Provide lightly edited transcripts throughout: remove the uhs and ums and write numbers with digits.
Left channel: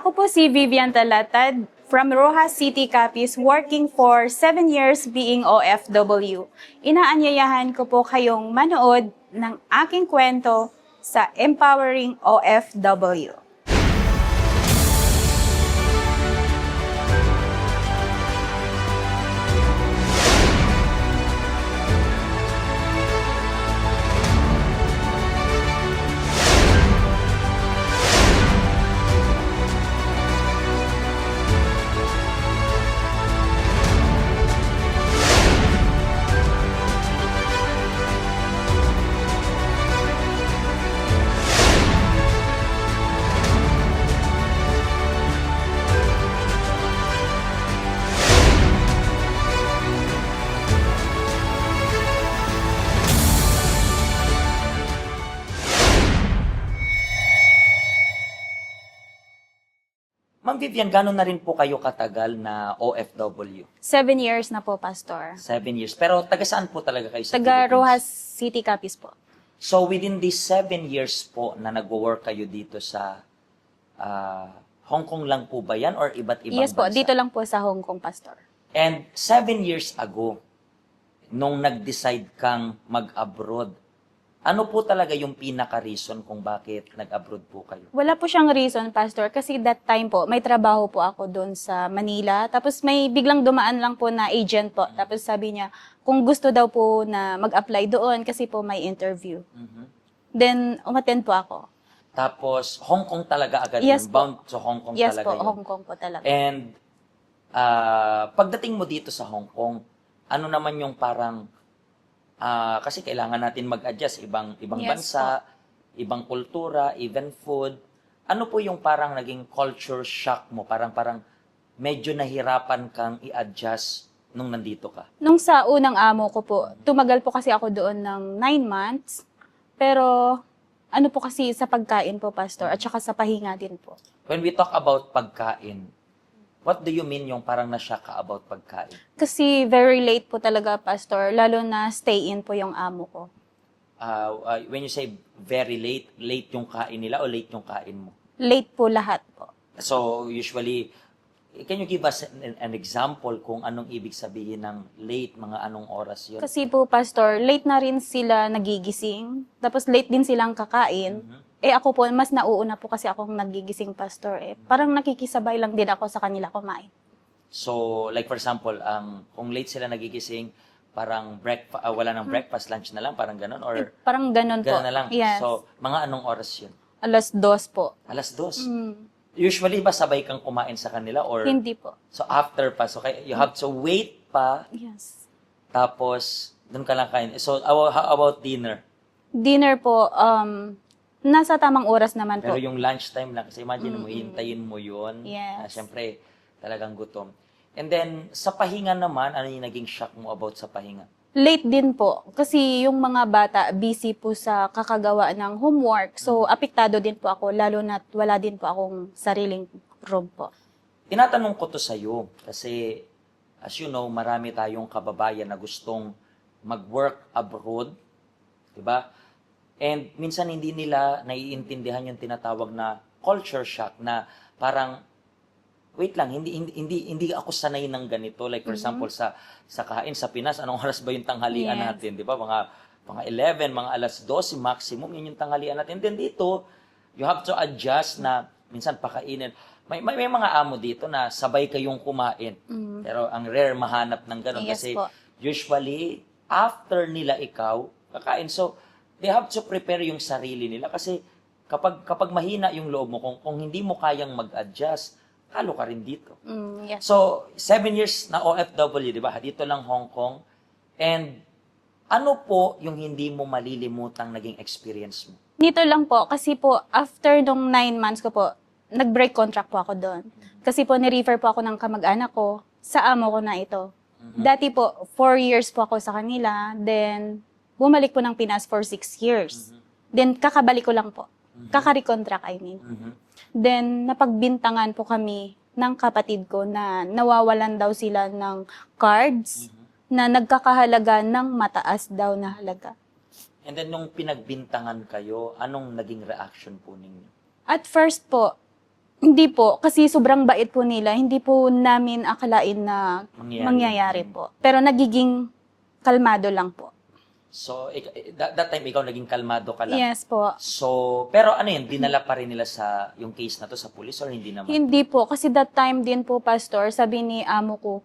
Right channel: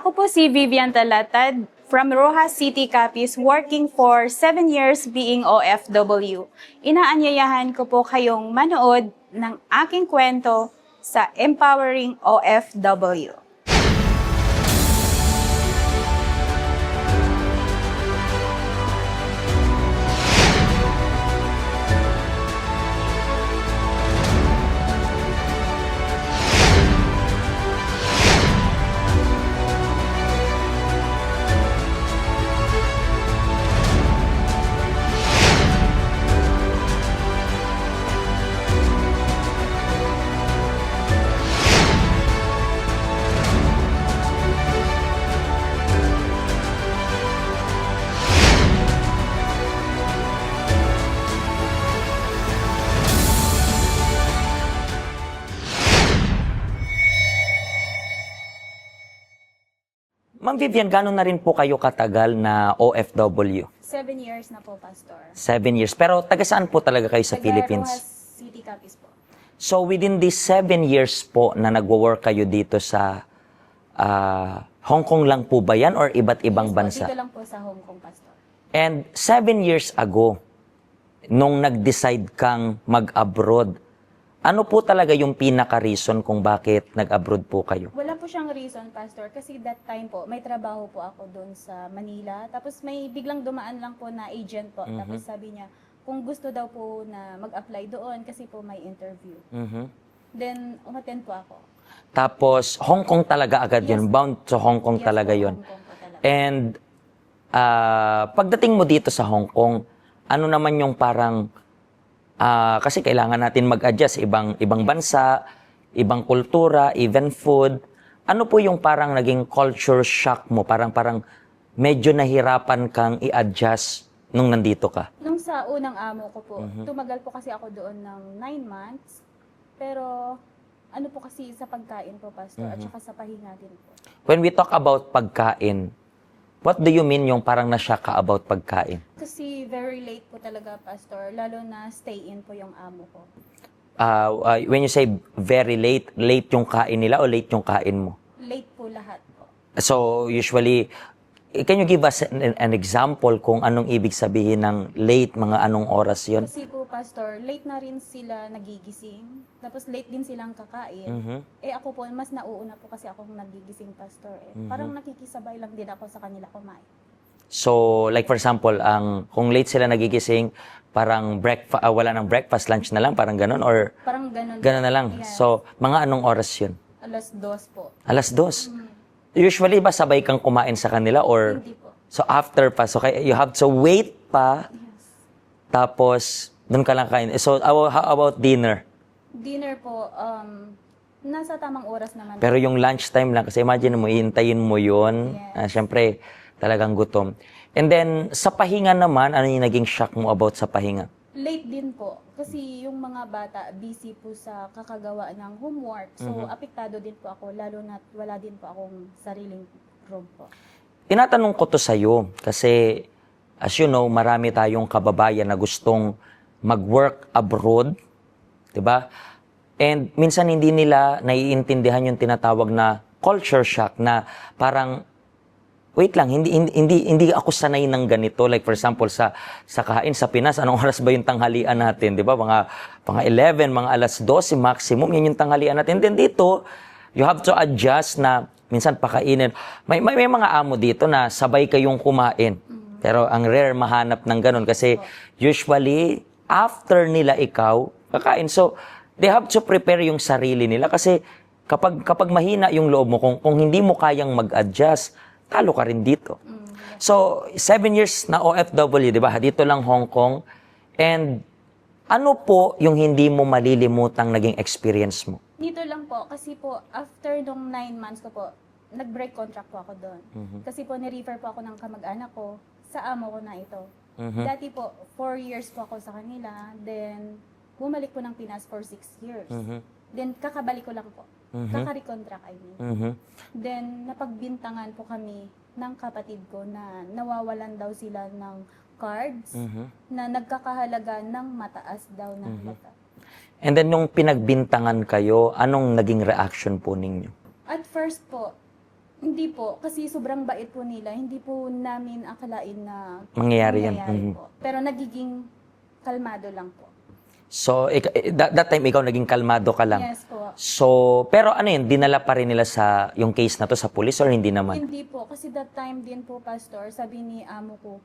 Ako po si Vivian Talatad from Rojas City, Capiz, working for 7 years being OFW. Inaanyayahan ko po kayong manood ng aking kwento sa Empowering OFW. Ma'am Vivian, gano'n na rin po kayo katagal na OFW? 7 years na po, Pastor. 7 years. Pero taga saan po talaga kayo sa Taga Philippines? Rojas City, Capiz po. So within these 7 years po na nagwo-work kayo dito sa Hong Kong lang po ba yan or iba't ibang Yes po, bansa? dito lang po sa Hong Kong, Pastor. And 7 years ago, nung nag-decide kang mag-abroad, ano po talaga yung pinaka-reason kung bakit nag-abroad po kayo? Wala po siyang reason, Pastor, kasi that time po, may trabaho po ako doon sa Manila. Tapos may biglang dumaan lang po na agent po. Tapos sabi niya, kung gusto daw po na mag-apply doon kasi po may interview. Then, umattend po ako. Tapos, Hong Kong talaga agad Yes yun. po. Bound to Hong Kong Yes talaga po, yun. Hong Kong po talaga. And pagdating mo dito sa Hong Kong, ano naman yung parang kasi kailangan natin mag-adjust ibang Yes bansa, ibang kultura, even food. Ano po yung parang naging culture shock mo? Parang medyo nahirapan kang i-adjust nung nandito ka. Nung sa unang amo ko po, tumagal po kasi ako doon ng 9 months. Pero ano po kasi sa pagkain po, Pastor, at saka sa pahinga din po. When we talk about pagkain, what do you mean yung parang na-shock ka about pagkain? Kasi very late po talaga, Pastor, lalo na stay-in po yung amo ko. When you say very late, late yung kain nila o late yung kain mo? Late po lahat po. So, usually, can you give us an example kung anong ibig sabihin ng late, mga anong oras yun? Kasi po, Pastor, late na rin sila nagigising. Tapos late din silang kakain. Eh ako po, mas nauuna po kasi akong nagigising, Pastor. Parang nakikisabay lang din ako sa kanila kumain. So, like for example, kung late sila nagigising, parang wala nang breakfast, lunch na lang, parang ganun? Or Parang ganun po. ganun na lang? Yes. So, mga anong oras yun? 2:00 po. 2:00. Usually ba sabay kang kumain sa kanila or? Hindi po. So, after pa. So, you have to wait pa, Yes. tapos doon ka lang kain. So, how about dinner? Dinner po, nasa tamang oras naman Pero po. yung lunchtime lang, kasi imagine mo, iintayin mo yun. Yes. Siyempre, talagang gutom. And then, sa pahinga naman, ano yung naging shock mo about sa pahinga? Late din po. Kasi yung mga bata, busy po sa kakagawa ng homework. So, apektado din po ako, lalo na wala din po akong sariling room po. Tinatanong ko to sa'yo, kasi, as you know, marami tayong kababayan na gustong mag-work abroad, di ba? And minsan hindi nila naiintindihan yung tinatawag na culture shock na parang wait lang, hindi ako sanay ng ganito. Like for example, sa kain sa Pinas, anong oras ba yung tanghalian natin? Di ba? Mga 11, mga 12 maximum, yun yung tanghalian natin. And then dito, you have to adjust na minsan pakainin. May mga amo dito na sabay kayong kumain. Pero ang rare mahanap ng ganun Yes kasi po. usually, after nila ikaw, kakain. So, they have to prepare yung sarili nila kasi kapag mahina yung loob mo, kung hindi mo kayang mag-adjust, talo ka rin dito. Yes. So, 7 years na OFW, di ba? Dito lang Hong Kong. And ano po yung hindi mo malilimutang naging experience mo? Dito lang po, kasi po, after nung 9 months ko po, nag-break contract po ako doon. Kasi po, ni-refer po ako ng kamag-anak ko sa amo ko na ito. Dati po, 4 years po ako sa kanila. Then, bumalik po ng Pinas for 6 years. Then, kakabalik ko lang po. Kaka-recontract, I mean. Then, napagbintangan po kami ng kapatid ko na nawawalan daw sila ng cards na nagkakahalaga ng mataas daw na halaga. And then, nung pinagbintangan kayo, anong naging reaction po ninyo? At first po, Hindi po, kasi sobrang bait po nila. Hindi po namin akalain na Mangyayari yun. mangyayari po. Pero nagiging kalmado lang po. So, that time ikaw naging kalmado ka lang. Yes po. So, pero ano yun, dinala pa rin nila sa yung case na to sa police or hindi naman? Hindi po, kasi that time din po, Pastor, sabi ni amo ko,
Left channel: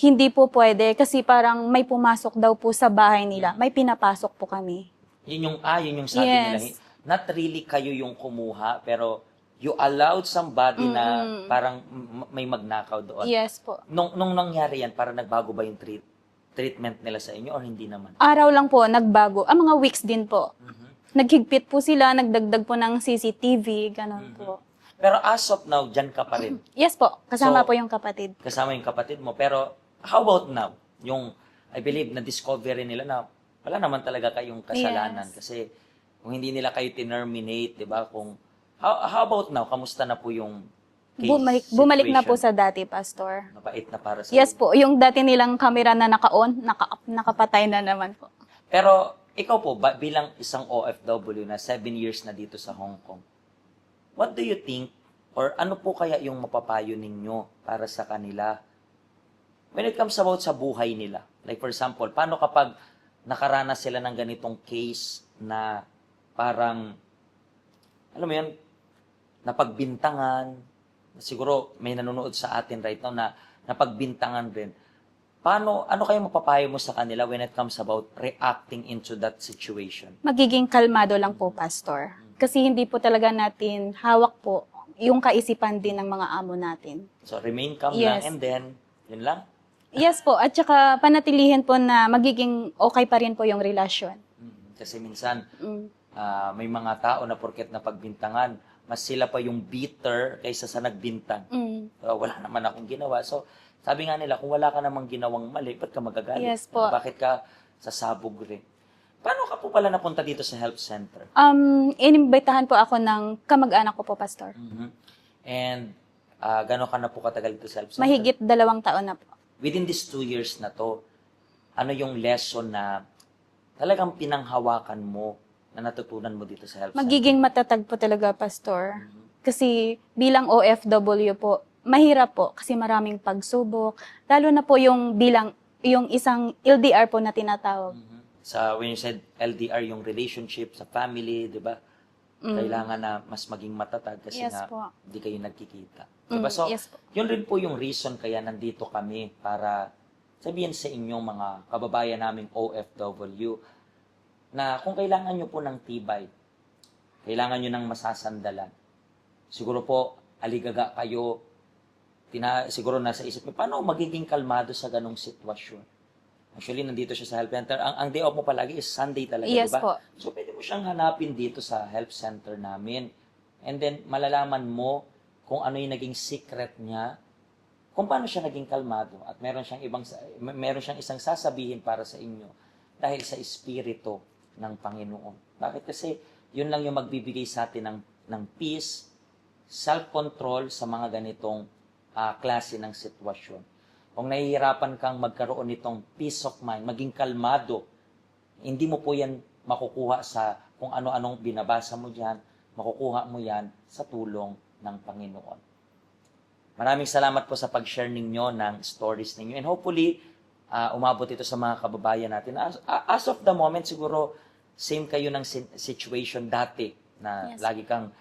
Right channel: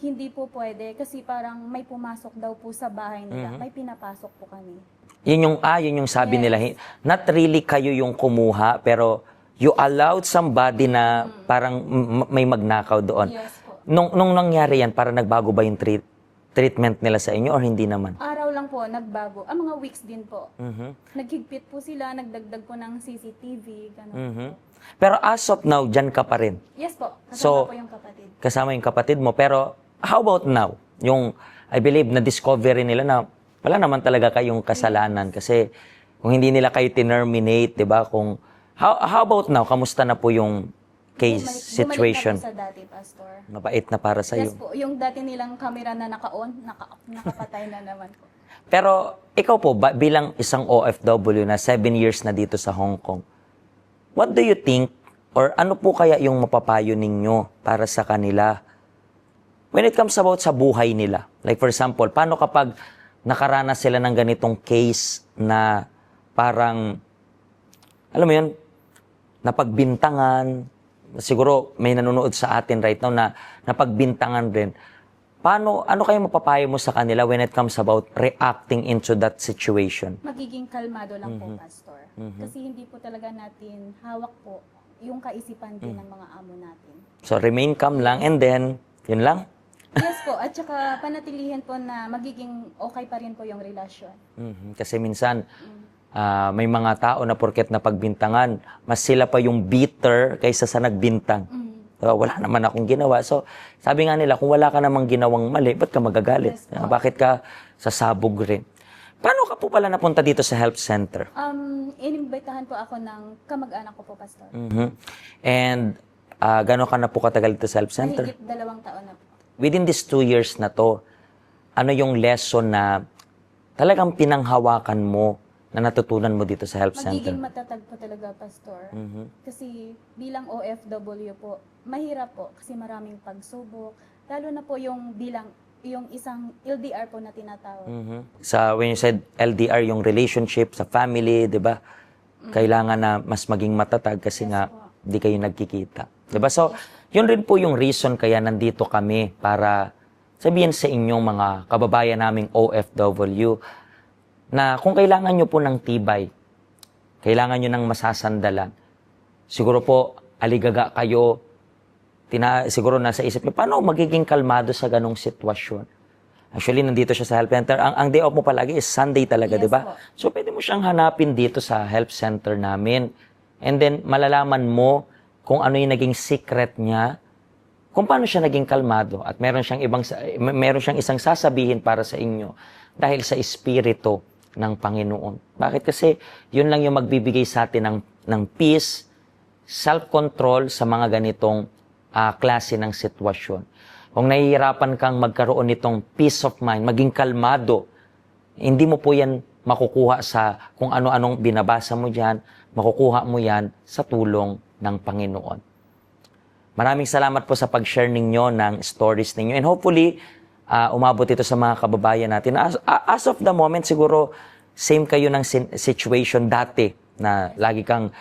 hindi po pwede kasi parang may pumasok daw po sa bahay nila. May pinapasok po kami. Yun yung sabi Yes. nila. Not really kayo yung kumuha, pero you allowed somebody na parang may magnakaw doon. Yes po. Nung nangyari yan, parang nagbago ba yung treatment nila sa inyo or hindi naman? Araw lang po, nagbago. Mga weeks din po. Naghigpit po sila, nagdagdag po ng CCTV, ganun po. Pero as of now, dyan ka pa rin. Yes po, kasama So, po yung kapatid. Kasama yung kapatid mo. Pero how about now? Yung, I believe, na-discovery nila na wala naman talaga kayong kasalanan. Kasi kung hindi nila kayo terminate, di ba? How about now? Kamusta na po yung case Bumalik na po situation? sa dati, Pastor. Mabait na para sa Yes iyo. po, yung dati nilang camera na naka-on, nakapatay na naman po. Pero ikaw po, bilang isang OFW na 7 years na dito sa Hong Kong, what do you think or ano po kaya yung mapapayo ninyo para sa kanila when it comes about sa buhay nila? Like for example, paano kapag nakaranas sila ng ganitong case na parang, alam mo yun, napagbintangan, siguro may nanonood sa atin right now na napagbintangan rin. Ano kayo mapapayo mo sa kanila when it comes about reacting into that situation? Magiging kalmado lang po, Pastor. Kasi hindi po talaga natin hawak po yung kaisipan din ng mga amo natin. So remain calm lang Yes. and then, yun lang. Yes po, at saka panatilihin po na magiging okay pa rin po yung relasyon. Kasi minsan, Mm. may mga tao na porket napagbintangan, mas sila pa yung bitter kaysa sa nagbintang. Diba? Wala naman akong ginawa. So, sabi nga nila, kung wala ka namang ginawang mali, ba't ka magagalit? Yes po. Bakit ka sasabog rin? Paano ka po pala napunta dito sa help center? Inimbitahan po ako ng kamag-anak ko po, Pastor. And gano'n ka na po katagal dito sa help center? Mahigit 2 taon na po. Within these 2 years na to, ano yung lesson na talagang pinanghawakan mo na natutunan mo dito sa help center? Magiging matatag po talaga, Pastor. Kasi bilang OFW po, mahirap po kasi maraming pagsubok. Lalo na po yung isang LDR po na tinatawag. When you said LDR, yung relationship sa family, di ba? Kailangan na mas maging matatag kasi Yes nga po. di kayo nagkikita. Di ba? So, yes po. yun rin po yung reason kaya nandito kami para sabihin sa inyong mga kababayan naming OFW na kung kailangan nyo po ng tibay, kailangan nyo ng masasandalan, siguro po, aligaga kayo, siguro nasa isip nyo, paano magiging kalmado sa ganong sitwasyon? Actually, nandito siya sa help center. Ang day off mo palagi is Sunday talaga, Yes di ba? po. So, pwede mo siyang hanapin dito sa help center namin. And then, malalaman mo kung ano yung naging secret niya, kung paano siya naging kalmado. At meron siyang isang sasabihin para sa inyo dahil sa espiritu ng Panginoon. Bakit? Kasi yun lang yung magbibigay sa atin ng peace, self-control sa mga ganitong klase ng sitwasyon. Kung nahihirapan kang magkaroon nitong peace of mind, maging kalmado, hindi mo po yan makukuha sa kung ano-anong binabasa mo dyan, makukuha mo yan sa tulong ng Panginoon. Maraming salamat po sa pag-share ninyo ng stories ninyo. And hopefully, umabot ito sa mga kababayan natin. As of the moment, siguro, same kayo ng situation dati na lagi kang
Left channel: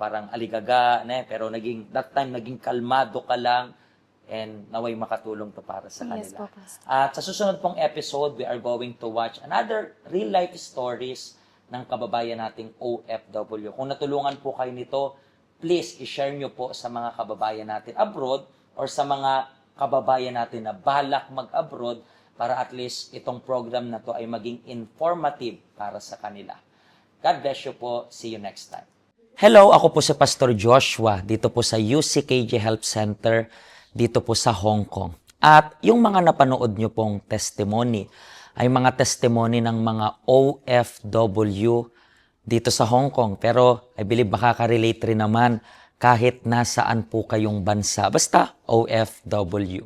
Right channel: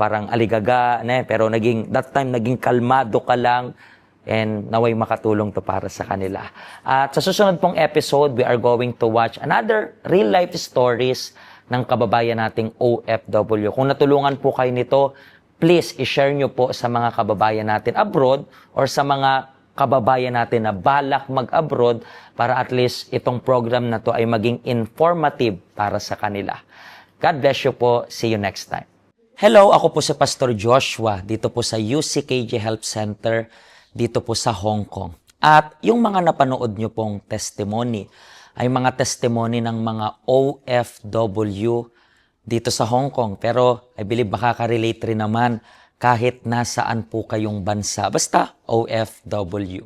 parang aligaga, pero that time naging kalmado ka lang and naway makatulong to para sa kanila. At sa susunod pong episode, we are going to watch another real-life stories ng kababayan nating OFW. Kung natulungan po kayo nito, please i-share nyo po sa mga kababayan natin abroad or sa mga kababayan natin na balak mag-abroad para at least itong program na to ay maging informative para sa kanila. God bless you po. See you next time. Hello, ako po si Pastor Joshua dito po sa UCKJ Help Center dito po sa Hong Kong. At yung mga napanood nyo pong testimony ay mga testimony ng mga OFW dito sa Hong Kong. Pero I believe makaka-relate rin naman kahit nasaan po kayong bansa. Basta OFW.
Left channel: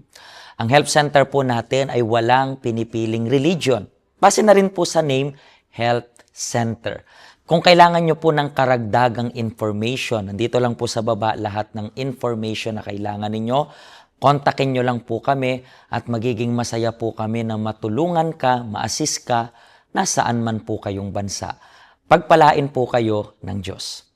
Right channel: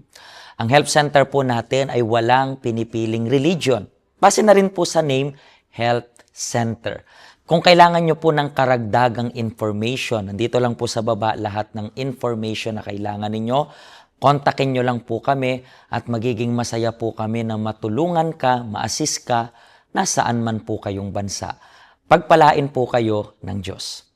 Ang help center po natin ay walang pinipiling religion. Base na rin po sa name, Health Center. Kung kailangan nyo po ng karagdagang information, nandito lang po sa baba lahat ng information na kailangan ninyo. Kontakin nyo lang po kami at magiging masaya po kami na matulungan ka, ma-assist ka, nasaan man po kayong bansa. Pagpalain po kayo ng Diyos.